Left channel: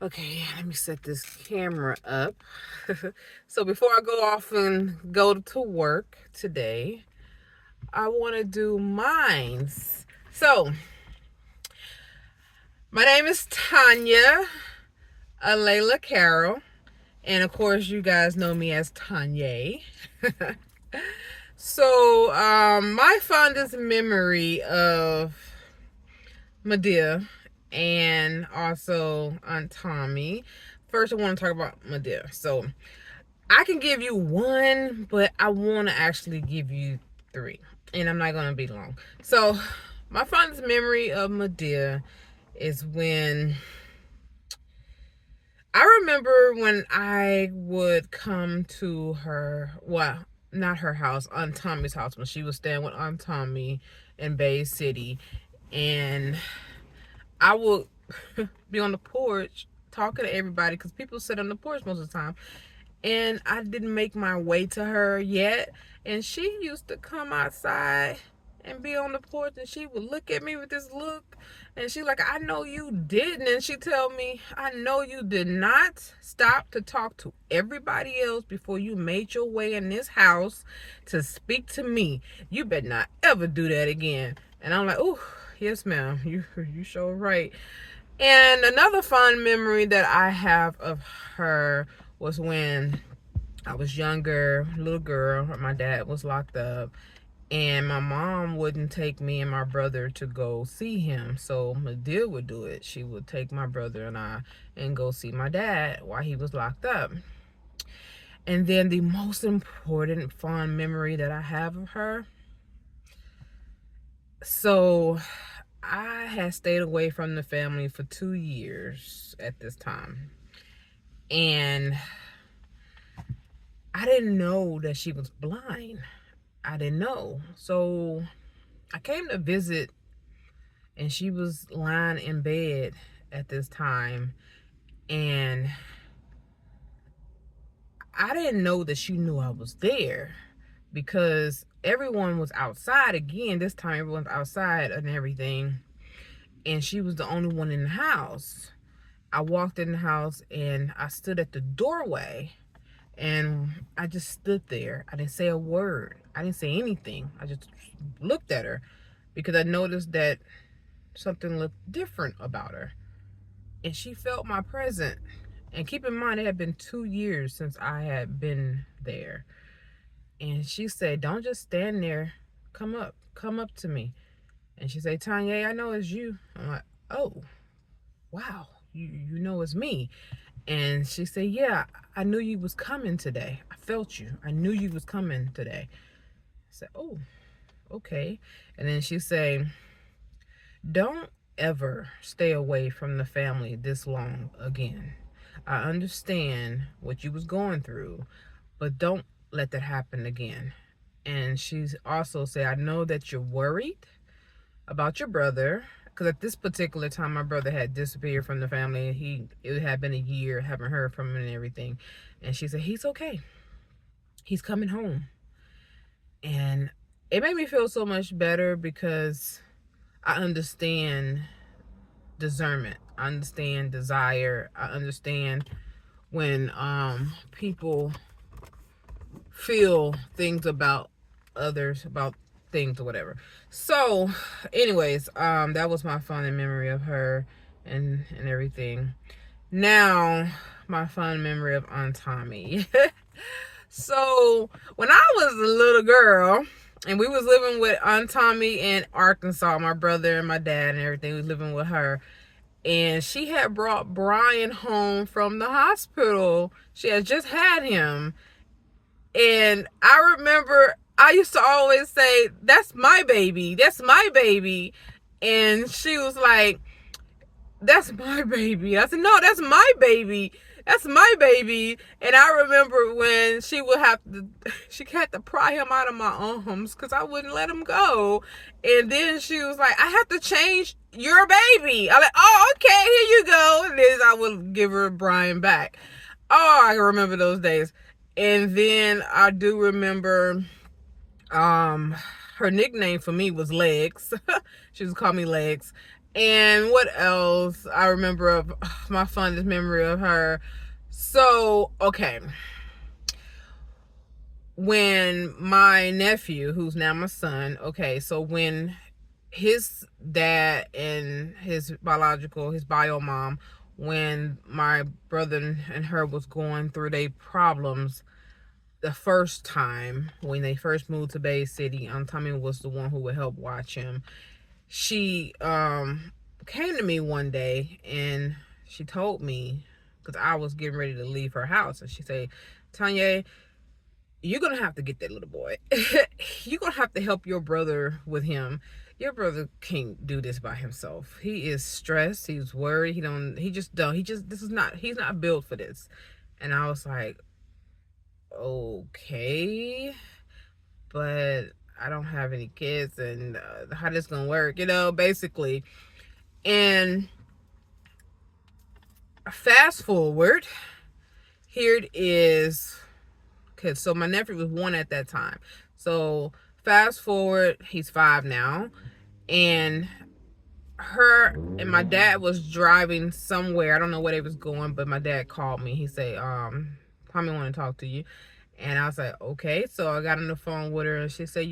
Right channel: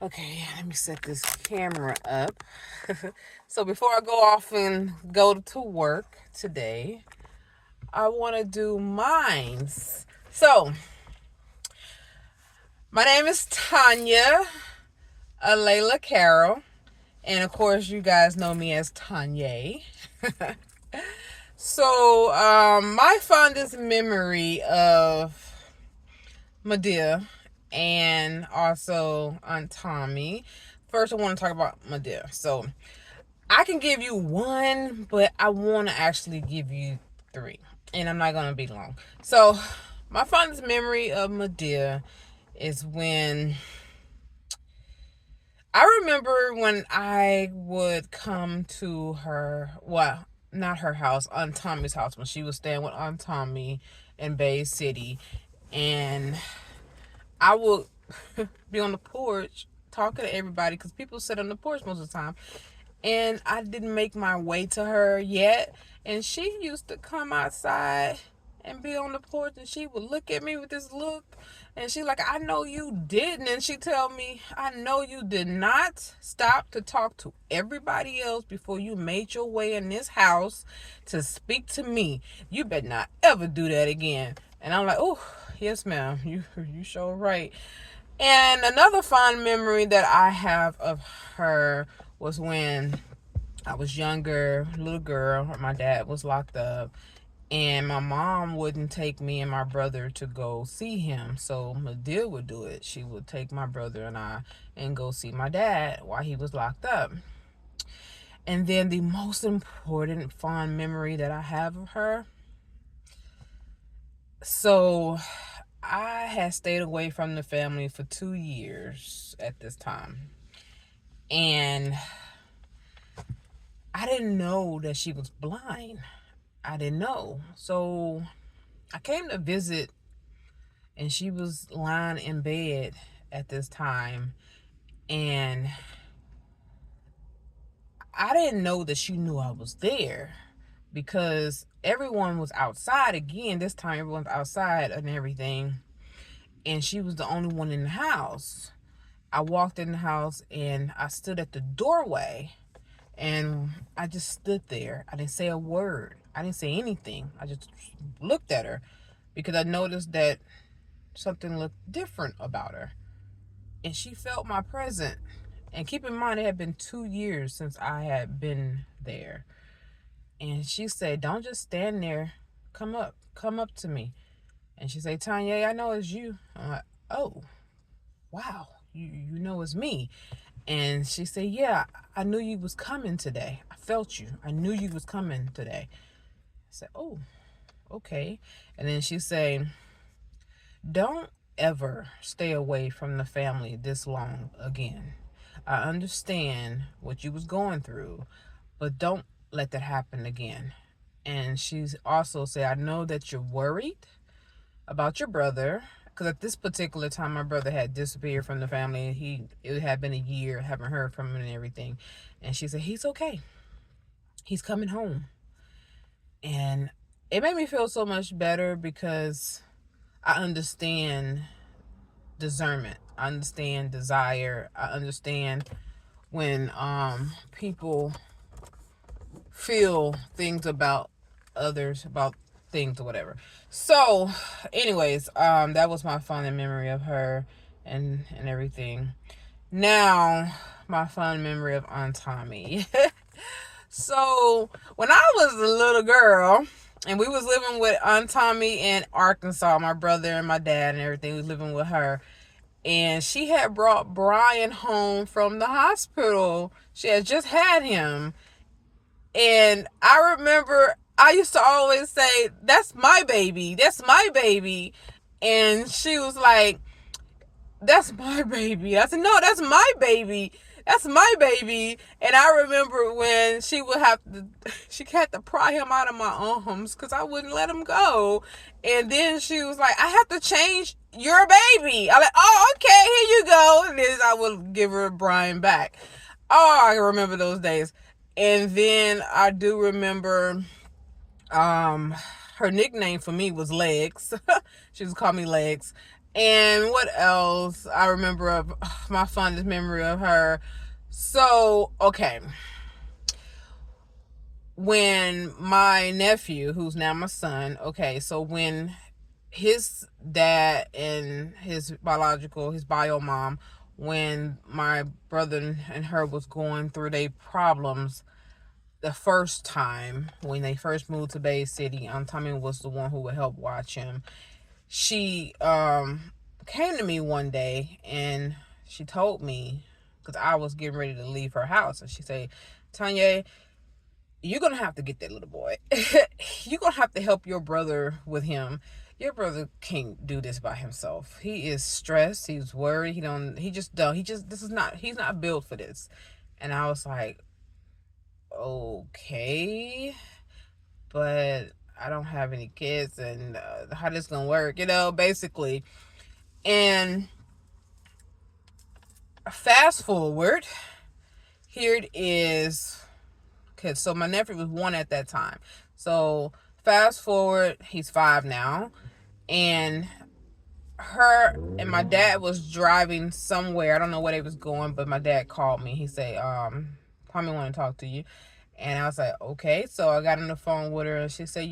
Okay, let me set this camera up. So before I go off and go to work today, I want to do mines. So my name is Tanya Layla Carroll, and of course you guys know me as Tanya. So my fondest memory of Madea and also Aunt Tommie. First, I want to talk about Madea. So I can give you one, but I want to actually give you three, and I'm not gonna be long. So my fondest memory of Madea is when I remember when I would come to her, well, not her house, Aunt Tommie's house, when she was staying with Aunt Tommie in Bay City, and I would be on the porch talking to everybody because people sit on the porch most of the time. And I didn't make my way to her yet. And she used to come outside and be on the porch, and she would look at me with this look. And she like, I know you didn't. And she tell me, I know you did not stop to talk to everybody else before you made your way in this house to speak to me. You better not ever do that again. And I'm like, oh, yes, ma'am. You sure right. And another fond memory that I have of her was when I was younger, little girl. My dad was locked up, and my mom wouldn't take me and my brother to go see him. So Madea would do it. She would take my brother and I and go see my dad while he was locked up. And then the most important fond memory that I have of her. So I had stayed away from the family for 2 years at this time. And I didn't know that she was blind. I didn't know. So I came to visit, and she was lying in bed at this time. And I didn't know that she knew I was there because everyone was outside again. This time, everyone's outside and everything. And she was the only one in the house. I walked in the house and I stood at the doorway. And I just stood there. I didn't say a word. I didn't say anything. I just looked at her because I noticed that something looked different about her. And she felt my presence. And keep in mind, it had been 2 years since I had been there. And she said, don't just stand there. Come up. Come up to me. And she said, Tanya, I know it's you. I'm like, oh, wow. You know it's me. And she said, yeah, I knew you was coming today. I felt you. I knew you was coming today. I said, oh, okay. And then she said, don't ever stay away from the family this long again. I understand what you was going through, but don't let that happen again. And she's also said, I know that you're worried about your brother, because at this particular time my brother had disappeared from the family. It had been a year, haven't heard from him and everything. And she said, he's okay, he's coming home. And it made me feel so much better because I understand discernment, I understand desire, I understand when people feel things about others, about things or whatever. So anyways, that was my fond memory of her and everything. Now my fond memory of Aunt Tommie. So when I was a little girl and we was living with Aunt Tommie in Arkansas, my brother and my dad and everything, we was living with her. And she had brought Brian home from the hospital. She had just had him. And I remember I used to always say, that's my baby. That's my baby. And she was like, that's my baby. I said, no, that's my baby. That's my baby. And I remember when she had to pry him out of my arms because I wouldn't let him go. And then she was like, I have to change your baby. I'm like, oh, okay, here you go. And then I would give her Brian back. Oh, I remember those days. And then I do remember her nickname for me was Legs. She was called me Legs. And what else I remember of my fondest memory of her? So, okay. When my nephew, who's now my son, okay, so when his dad and his bio mom, when my brother and her was going through their problems the first time, when they first moved to Bay City, Aunt Tommie was the one who would help watch him. She came to me one day and she told me, because I was getting ready to leave her house, and she said, Tanya, you're gonna have to get that little boy. You're gonna have to help your brother with him. Your brother can't do this by himself. He is stressed, he's worried, he's not built for this. And I was like, okay, but I don't have any kids, and how this gonna work, basically. And fast forward, here it is. Okay, so my nephew was 1 at that time. So fast forward, he's 5 now. And her and my dad was driving somewhere. I don't know where they was going, but my dad called me. He said, Tommy want to talk to you. And I was like, okay. So I got on the phone with her, and she said,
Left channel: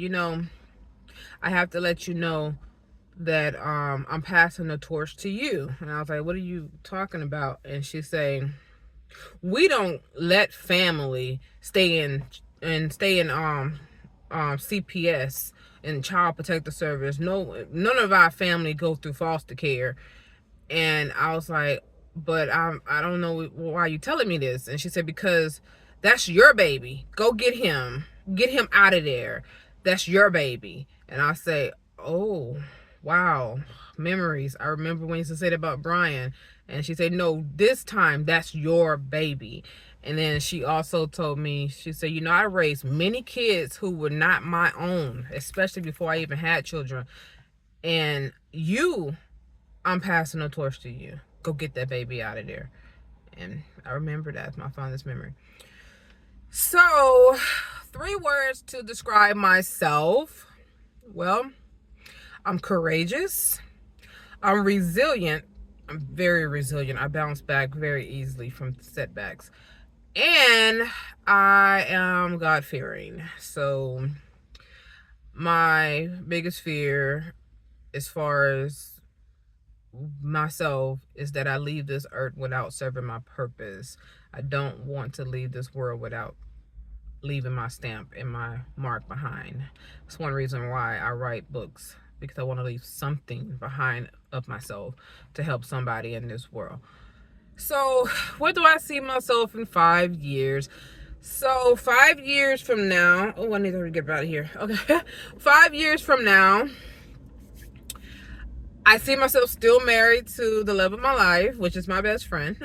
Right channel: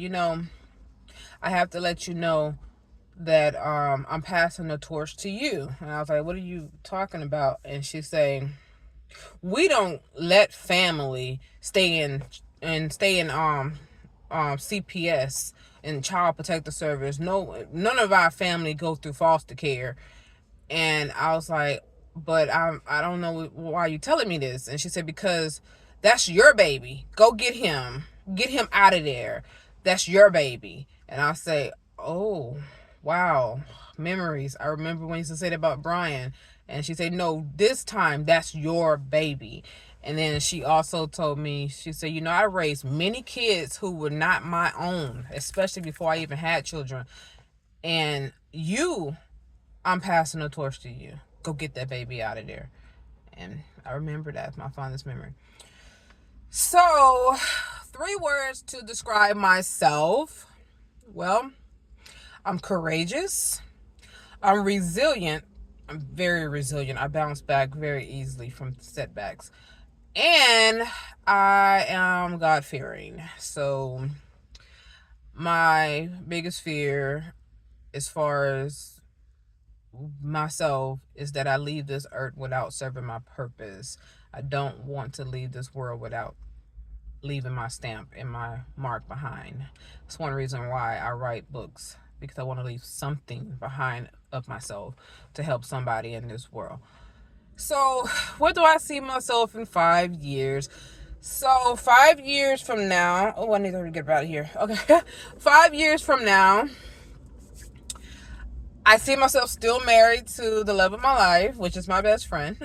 I have to let you know that I'm passing the torch to you. And I was like, what are you talking about? And she said, we don't let family stay in CPS and Child Protective Service. No, none of our family go through foster care. And I was like, but I don't know why you telling me this. And she said, because that's your baby. Go get him out of there. That's your baby. And I say, oh, wow, memories. I remember when you used to say that about Brian. And she said, no, this time that's your baby. And then she also told me, she said, I raised many kids who were not my own, especially before I even had children. And I'm passing the torch to you. Go get that baby out of there. And I remember that's my fondest memory. So, 3 words to describe myself. Well, I'm courageous. I'm resilient. I'm very resilient. I bounce back very easily from setbacks. And I am God-fearing. So my biggest fear as far as myself is that I leave this earth without serving my purpose. I don't want to leave this world without leaving my stamp and my mark behind. That's one reason why I write books, because I want to leave something behind of myself to help somebody in this world. So where do I see myself in 5 years? So 5 years from now, I need to get out of here. Okay. 5 years from now, I see myself still married to the love of my life, which is my best friend.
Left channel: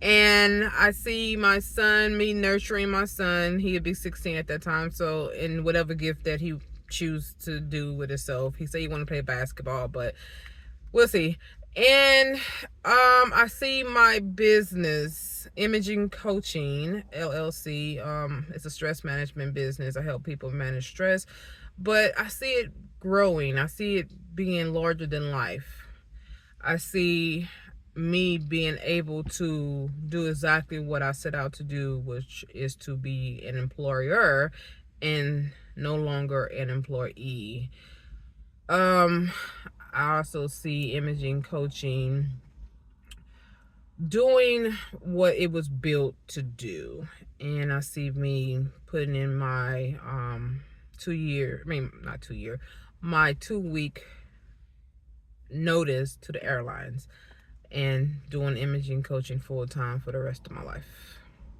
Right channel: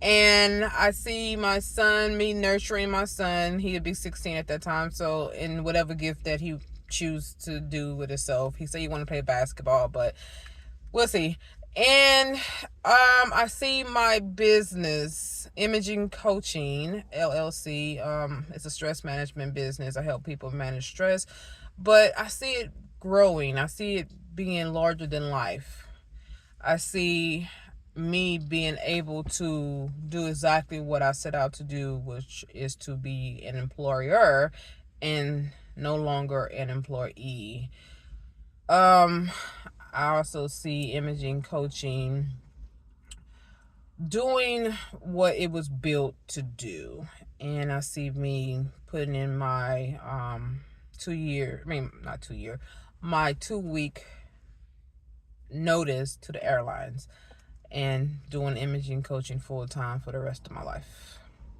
And I see my son, me nurturing my son. He'd be 16 at that time. So in whatever gift that he choose to do with himself. He said he want to play basketball, but we'll see. And I see my business, Imaging Coaching LLC. It's a stress management business. I help people manage stress, but I see it growing. I see it being larger than life. I see me being able to do exactly what I set out to do, which is to be an employer and no longer an employee. I also see Imaging Coaching doing what it was built to do. And I see me putting in my my 2-week notice to the airlines and doing imaging coaching full time for the rest of my life.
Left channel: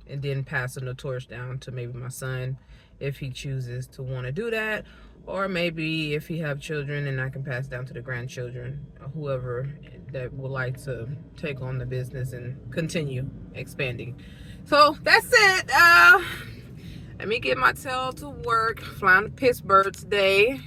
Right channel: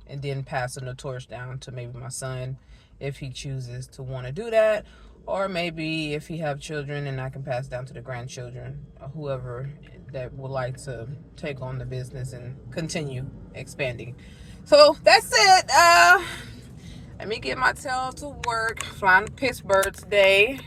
And then passing the torch down to maybe my son if he chooses to want to do that, or maybe if he have children, and I can pass down to the grandchildren, or whoever that would like to take on the business and continue expanding. So that's it. Let me get my tail to work. Flying to Pittsburgh today.